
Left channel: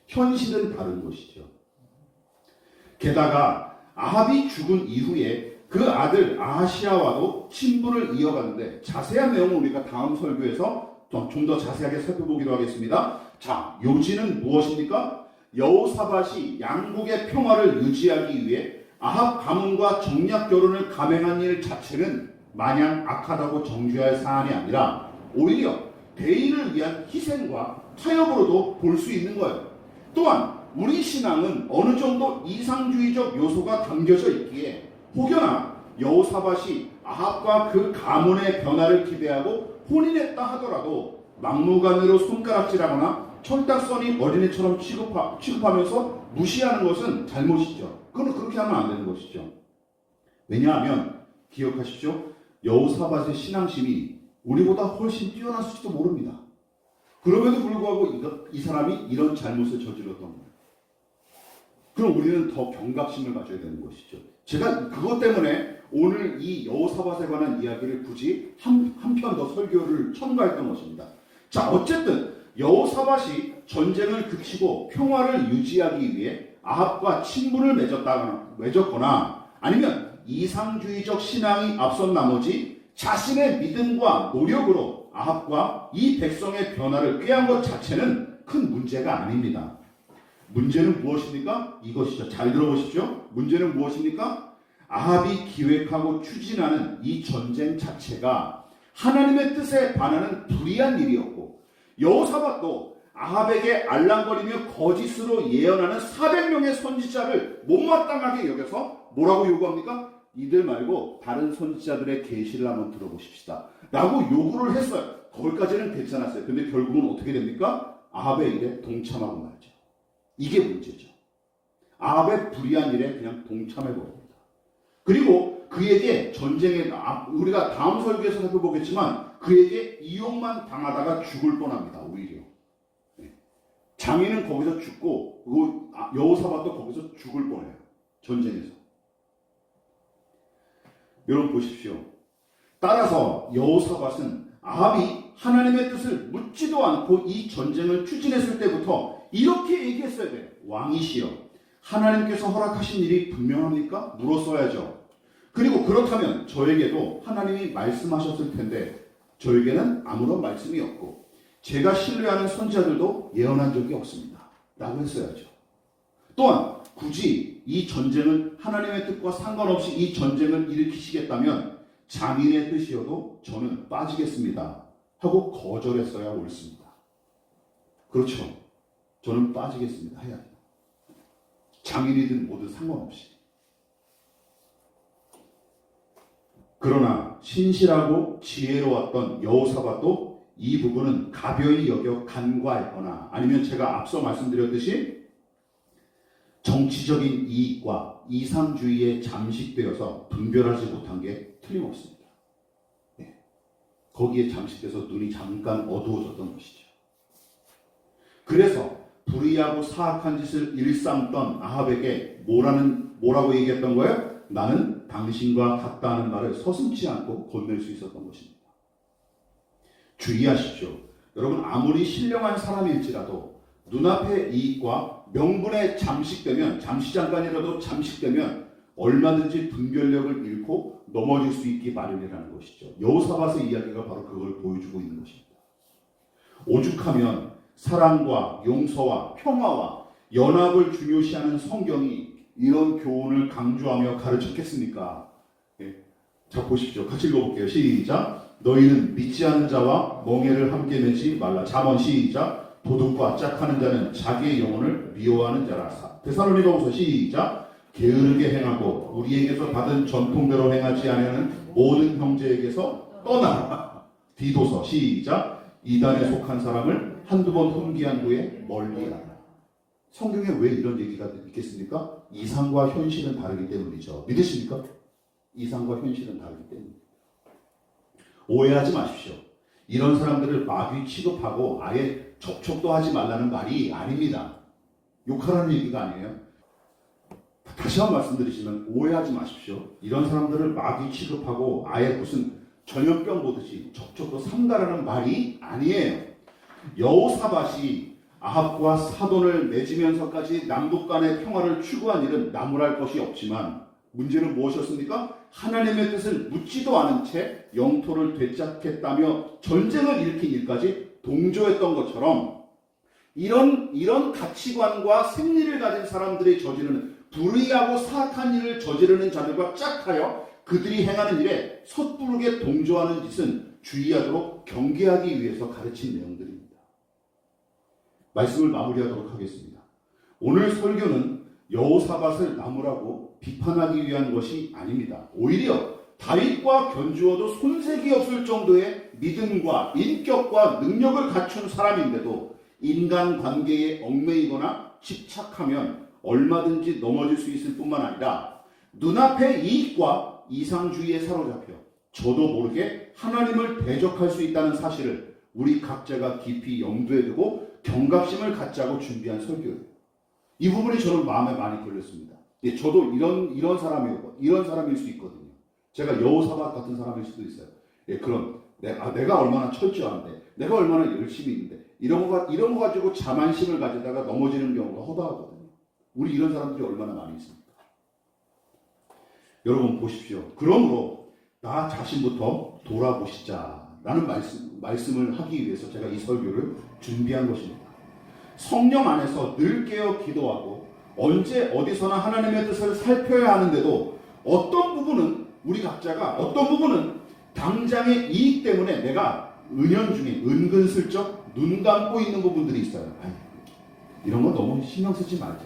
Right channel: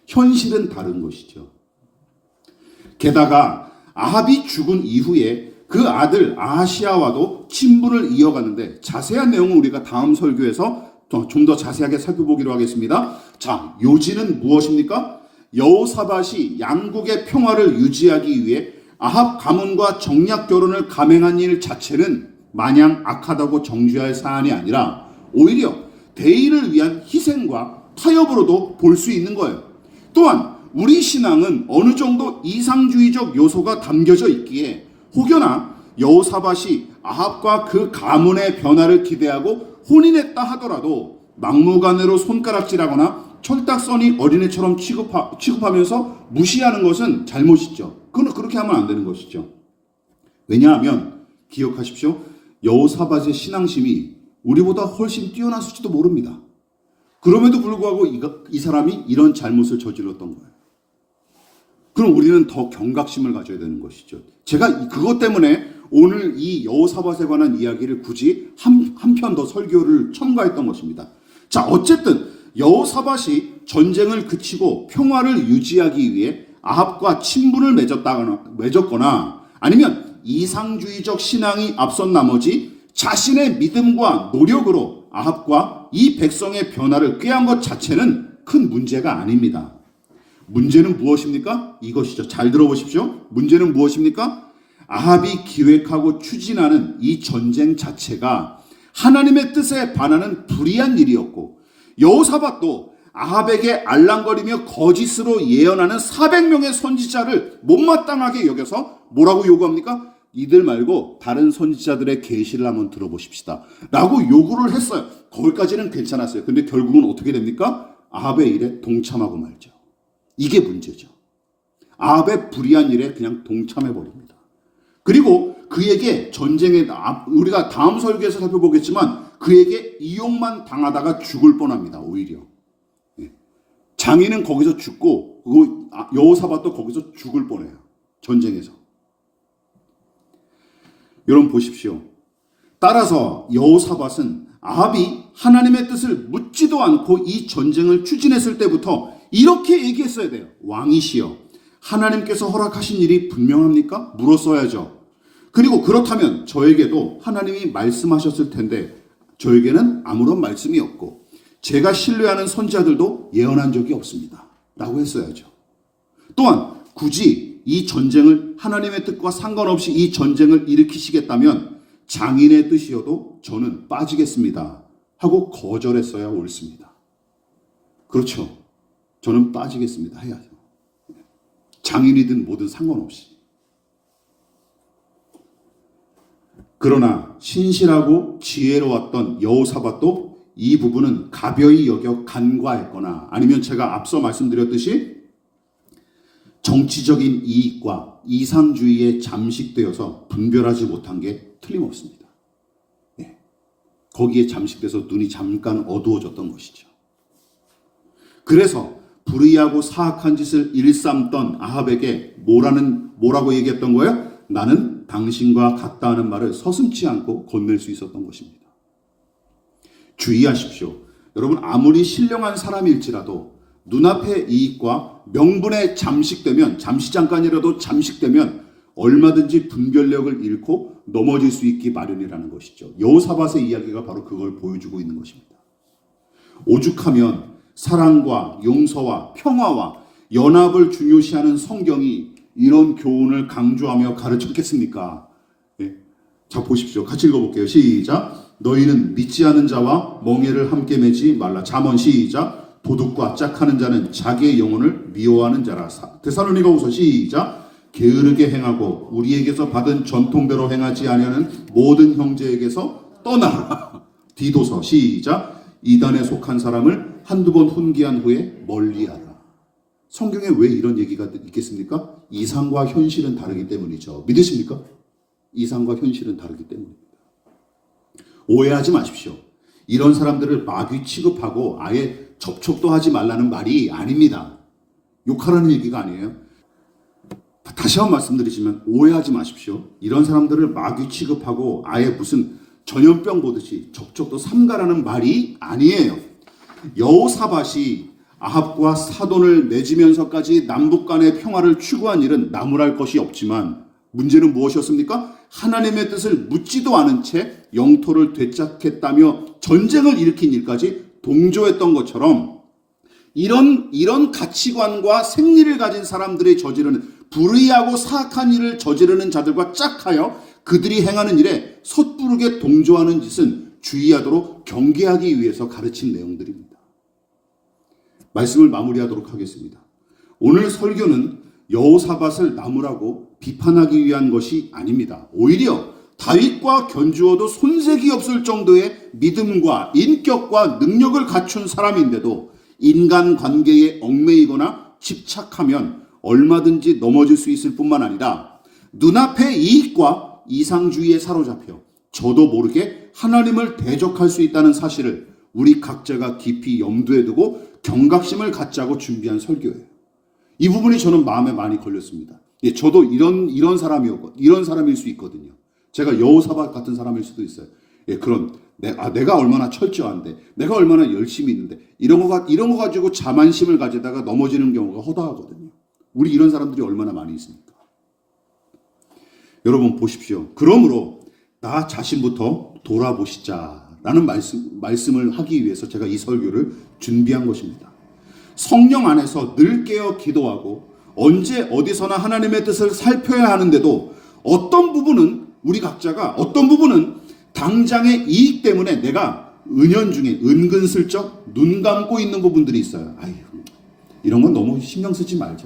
현실은 다른 것이죠. 게다가 아합이 죽은 이후에 그 아들 아하시야와도 친분을 이어가는데, 자세한 내용은 우리가 다음 설교에서 좀 더 자세하게 살펴보기로 하겠습니다. 자, 요지는 무엇입니까? 여호사밧이 양국의 평화를 유지하기 위해 아합 가문과 정략 결혼을 감행한 일 자체는 마냥 악하다고 정죄할 사안이 아니라 오히려 대의를 위한 희생과 타협으로도 볼 수 있는 거예요. 또한 우리 신앙은 어느 정도 이상주의적 요소가 담겨져 있기에 혹여나 여호사밧이 아합과 그 가문의 변화를 기대하고 혼인했다 하더라도 막무가내로 손가락질하거나 철딱서니 어린애처럼 취급하면서 무시하는 것은 잘못이죠. 그렇게 하면 안 되는 것이죠. 왜냐하면 기억하십시오. 여호사밧의 신앙심이 우리보다 훨씬 뛰어났을지도 모릅니다. 그럼에도 불구하고 이 사람이 이런 잘못을 저질렀던 거예요. 그럼 우리는 더 경각심을 가져야 되는 것이죠. 제가 그것 때문에 오늘 이 여호사밧에 관한 이야기를 굳이 한 편 더 설교를 첨가했던 것입니다. 자, 어쨌든 여호사밧이 전쟁을 그치고 평화를 유지하기 위해 아합과 친분을 맺었거나 아니면 이상주의적 신앙이 앞선 나머지 자신의 믿음과 노력으로 아합과 이 백성의 변화를 꾀한 것 자체는 큰 문제가 아닙니다. 문제는 무엇입니까? 이것이죠. 잘 들어보십시오. 문제는 무엇입니까? 아합이 기획하고 추진하는 이 전쟁 자체가 하나님의 뜻에 반하는 불의한 일이었고, 여호사밧도 아합에게 알랑거리며 거짓으로 예언하는 400명의 선지자를 못마땅하게 여겨서 뭐라고 요구합니까? 이들 말고 다른 선지자들의 계시를 한번 들어보십시다 라고 요구를 했어요. 거기까지는 괜찮았어요. 근데 결국은 어떻게 됩니까? 아합의 일에 동참하고 말죠. 이게 문제죠. 아합의 불의한 일에 그냥 동참해버립니다. 그리고 그에게 전쟁에, 우리가 다음 설교에서 살펴보겠지만 그에게 이용만 당하다가 죽을 뻔합니다. 오히려 장인은 거기서 죽고 여호사밧도 거기서 죽을 뻔해요. 전쟁에서. 여러분 보십시오. 따라서 여호사밧은 아합이 하나님의 뜻을 묻지도 않고 이 전쟁을 추진했을 때부터 이렇게 얘기했어야 돼요. 왕이시여, 하나님께서 허락하신 일이 분명합니까? 물었어야죠. 그리고 그렇다면 저에게도 하나님이 말씀하셨을 텐데 저에게는 아무런 말씀이 없고 제가 신뢰하는 선지자들도 예언한 적이 없습니다. 라고 했어야죠. 또한 굳이 이 전쟁을 하나님의 뜻과 상관없이 이 전쟁을 일으키시겠다면 장인의 뜻이어도 저는 빠지겠습니다. 하고 거절했어야 옳습니다. 그렇죠. 저는 빠지겠습니다. 해야죠. 장인이든 뭐든 상관없이. 그러나 신실하고 지혜로웠던 여호사밧도 이 부분은 가벼이 여겨 간과했거나 아니면 제가 앞서 말씀드렸듯이 정치적인 이익과 이상주의에 잠식되어서 분별하지 못한 게 틀림없습니다. 네. 거기에 잠식돼서 눈이 잠깐 어두워졌던 것이죠. 그래서 불의하고 사악한 짓을 일삼던 아합에게 뭐라고 얘기했던 거예요? 나는 당신과 같다 하는 말을 서슴지 않고 건넬 수 있었던 것입니다. 주의하십시오. 여러분, 아무리 신령한 사람일지라도 눈앞의 이익과 명분에 잠식되면, 잠시 잠깐이라도 잠식되면 얼마든지 분별력을 잃고 넘어질 수 있기 마련이라는 것이죠. 여호사밧의 이야기가 바로 그걸 보여주고 있는 것입니다. 오죽하면 사랑과 용서와 평화와 연합을 중요시하는 성경이 이런 교훈을 강조하며 가르쳤겠습니까? 예. 자, 보십시오. 같이 읽어볼게요. 시작. 너희는 믿지 않은 자와 멍에를 함께 매지 말라. 잠언 시작. 도둑과 짝하는 자는 자기의 영혼을 미워하는 자라. 데살로니가후서 시작. 게으르게 행하고 우리에게서 받은 전통대로 행하지 아니하는 모든 형제에게서 떠나라. 디도서 시작. 이단에 속한 사람을 한두 번 훈계한 후에 멀리하라. 성경에 왜 이런 얘기가 있겠습니까? 이상과 현실은 다르기 때문이죠. 믿으십니까? 이상과 현실은 다르기 때문입니다. 오해하지 마십시오. 이런 사람들을 마귀 취급하고 아예 접촉도 하지 말라는 말이 아닙니다. 욕하라는 얘기가 아니에요. 다시 한번 말씀드리지만 오해하지 마십시오. 이런 사람들을 마귀 취급하고 아예 무슨 전염병 보듯이 접촉도 삼가라는 말이 아니에요. 여호사밧이 아합과 사돈을 맺으면서까지 남북 간의 평화를 추구한 일은 나무랄 것이 없지만 문제는 무엇이었습니까? 하나님의 뜻을 묻지도 않은 채 영토를 되찾겠다며 전쟁을 일으킨 일까지 동조했던 것처럼 이런 가치관과 생리를 가진 사람들이 저지르는 불의하고 사악한 일을 저지르는 자들과 짝하여 그들이 행하는 일에 섣부르게 동조하는 짓은 주의하도록 경계하기 위해서 가르친 내용들입니다. 말씀을 마무리하도록 하겠습니다. 오늘 설교는 여호사밧을 나무라고 비판하기 위한 것이 아닙니다. 오히려 다윗과 견주어도 손색이 없을 정도의 믿음과 인격과 능력을 갖춘 사람인데도 인간관계에 얽매이거나 집착하면 얼마든지 넘어질 수 있을 뿐만 아니라 눈앞의 이익과 이상주의에 사로잡혀 저도 모르게 하나님을 대적할 수 있다는 사실을 우리 각자가 깊이 염두에 두고 경각심을 갖자고 준비한 설교예요. 이 부분이 저는 마음에 많이 걸렸습니다. 예, 저도 이런 사람일 수 있거든요. 제가 여호사밧 같은 사람일 수도 있어요. 예, 내가 얼마나 철저한데, 내가 얼마나 열심히 있는데, 이런 거 가지고 자만심을 가지다가 넘어지는 경우가 허다하거든요. 우리 이런 사람들이 얼마나 많이 있습니까? 여러분 보십시오. 그러므로 나 자신부터 돌아보시자라는 말씀을 하기 위해서 제가 이 설교를 준비한 것입니다. 성령 안에서 늘 깨어 기도하고 언제 어디서나 하나님의 뜻을 살펴야 하는데도 어떤 부분은 우리 각자가 어떤 부분은 당장의 이익 때문에 내가 은연중에 은근슬쩍 눈 감고 있는 부분들이 있어요. 아유, 이런 건 너무 신경 쓰지 말자.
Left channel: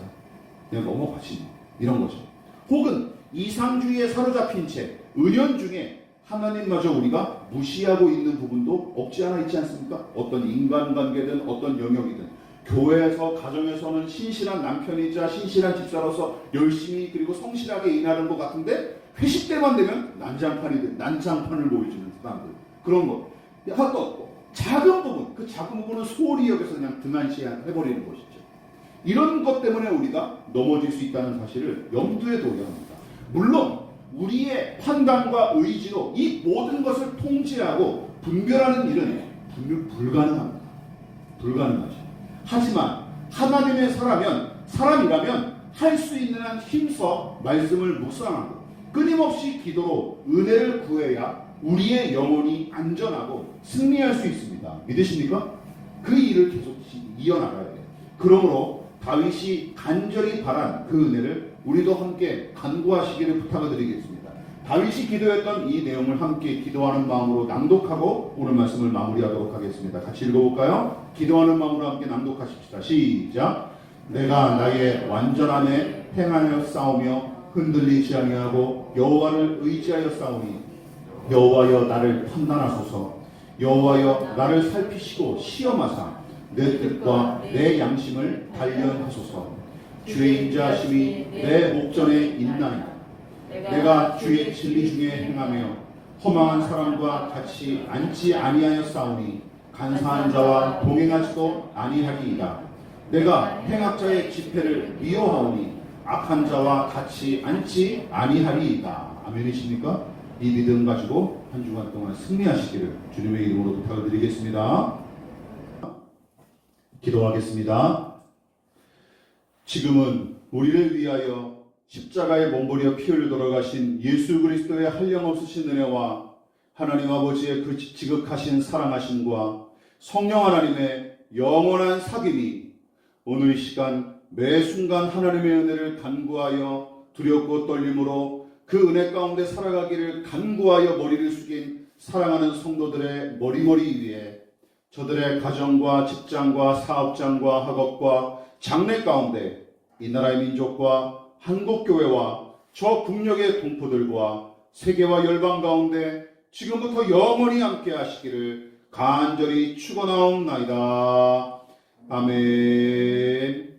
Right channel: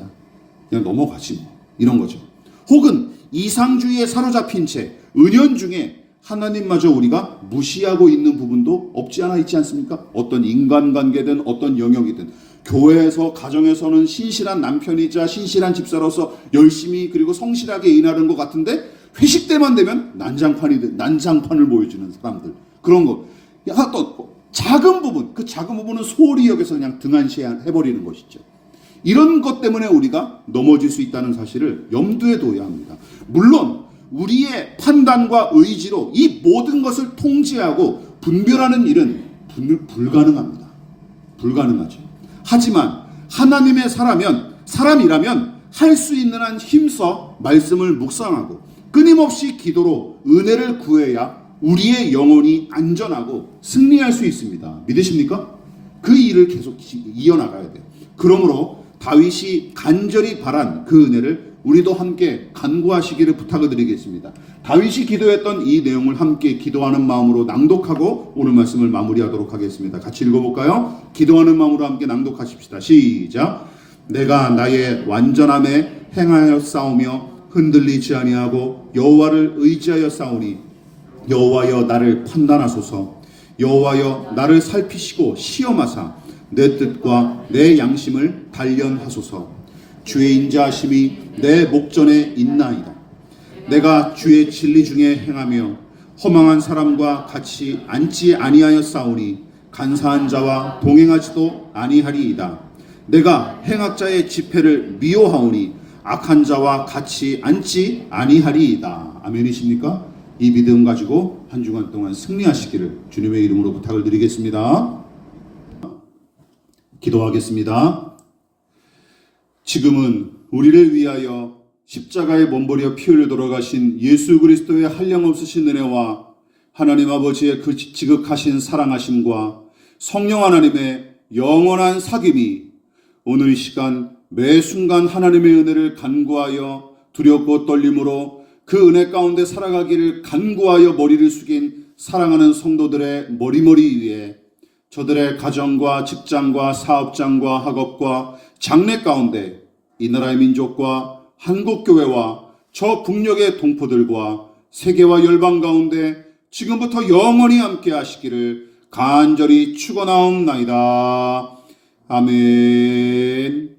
그냥 넘어가지 뭐. 이런 거죠. 혹은 이상주의에 사로잡힌 채 은연중에 하나님마저 우리가 무시하고 있는 부분도 없지 않아 있지 않습니까? 어떤 인간관계든 어떤 영역이든 교회에서 가정에서는 신실한 남편이자 신실한 집사로서 열심히 그리고 성실하게 일하는 것 같은데 회식 때만 되면 난장판을 보여주는 사람들, 그런 거 하나도 없고 작은 부분, 그 작은 부분은 소홀히 여겨서 그냥 등한시해버리는 것이죠. 이런 것 때문에 우리가 넘어질 수 있다는 사실을 염두에 둬야 합니다. 물론 우리의 판단과 의지로 이 모든 것을 통제하고 분별하는 일은 불가능합니다. 불가능하죠. 하지만 하나님의 사람이라면 할 수 있는 한 힘써 말씀을 묵상하고 끊임없이 기도로 은혜를 구해야 우리의 영혼이 안전하고 승리할 수 있습니다. 믿으십니까? 그 일을 계속 이어나가야 돼요. 그러므로 다윗이 간절히 바란 그 은혜를 우리도 함께 간구하시기를 부탁을 드리겠습니다. 다윗이 기도했던 이 내용을 함께 기도하는 마음으로 낭독하고 오늘 말씀을 마무리하도록 하겠습니다. 같이 읽어볼까요? 기도하는 마음으로 함께 낭독하십시다. 시작. 내가 나의 완전함에 행하여 싸우며 흔들리지 아니하고 여호와를 의지하여 싸우니 여호와여 나를 판단하소서. 여호와여 나를 살피시고 시험하사 내 뜻과 내 양심을 단련하소서. 주의 인자하심이 내 목전에 있나이다. 내가 주의 진리 중에 행하며 허망한 사람과 같이 앉지 아니하여 싸우니 간사한 자와 동행하지도 아니하리이다. 내가 행악자의 집회를 미워하오니 악한 자와 같이 앉지 아니하리이다. 아멘이십니까? 이 믿음 가지고 한 주간 동안 승리하시기를 주님의 이름으로 부탁을 드리겠습니다. 기도하겠습니다. 지금은 우리를 위하여 십자가에 몸버려 피 흘려 돌아가신 예수 그리스도의 한량없으신 은혜와 하나님 아버지의 그 지극하신 사랑하심과 성령 하나님의 영원한 사귐이 오늘 이 시간 매 순간 하나님의 은혜를 간구하여 두렵고 떨림으로 그 은혜 가운데 살아가기를 간구하여 머리를 숙인 사랑하는 성도들의 머리머리 위에 저들의 가정과 직장과 사업장과 학업과 장래 가운데 이 나라의 민족과 한국교회와 저 북녘의 동포들과 세계와 열방 가운데 지금부터 영원히 함께 하시기를 간절히 축원하옵나이다. 아멘.